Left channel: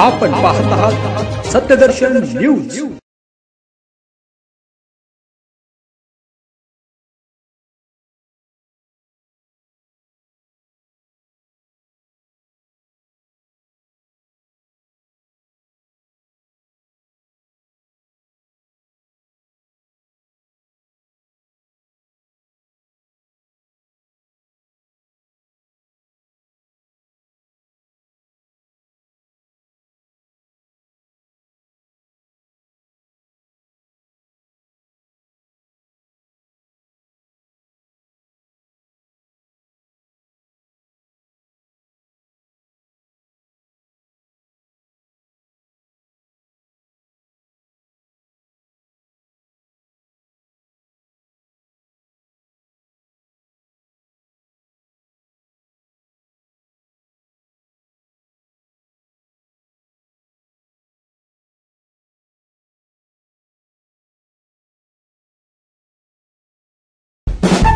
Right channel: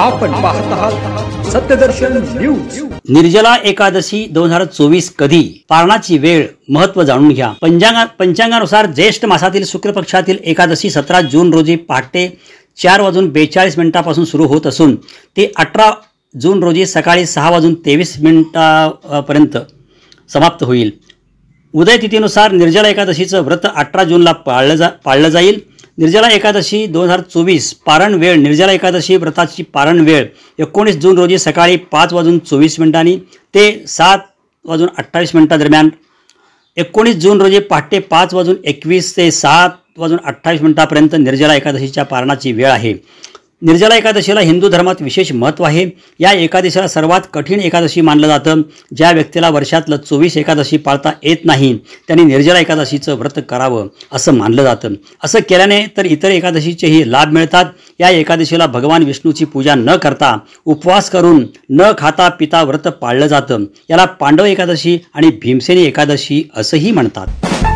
आपण पाहत आहात सत्यदर्शन न्यूज। निर्जला एकादशी 2024 कधी, पारणाची वेळ, महत्त्व जाणून घ्या। पंचांगानुसार ज्येष्ठ मासातील शुक्ल पक्षातील एकादशी 17 जून रोजी पहाटे 4:42 सुरू होत असून ते 18 जून रोजी सकाळी 6:23 पर्यंत समाप्त होईल। उदय तिथीनुसार निर्जला एकादशीचं व्रत 18 जूनला पाळलं जाईल। निर्जला एकादशी 2024 पारण वेळ, निर्जला एकादशी व्रताची पारण वेळ 19 जून रोजी सकाळी 5:24 ते 7:28 दरम्यान। 19 जून रोजी पहाटे 5:21 ते 7:28 पर्यंत निर्जला एकादशीच्या पारणाची वेळ आहे। निर्जला एकादशीला हिंदू धर्मात विशेष महत्त्व आहे। या एकादशीला सर्वात कठीण एकादशी मानलं जातं। ज्या व्यक्तीला वर्षातलं 24 एकादशी पाळता येत नाही त्यांनी निर्जला एकादशीचं व्रत करावं असं मानलं जातं। असं केल्याने तर इतर एकादशीचेही लाभ मिळतात। या एकादशीला भगवान विष्णूची पूजा न करता उपवास करून न खाता पिता व्रत पाळलं जातं। याला पांडव एकादशी आणि भीमसेनी एकादशी असंही म्हणतात।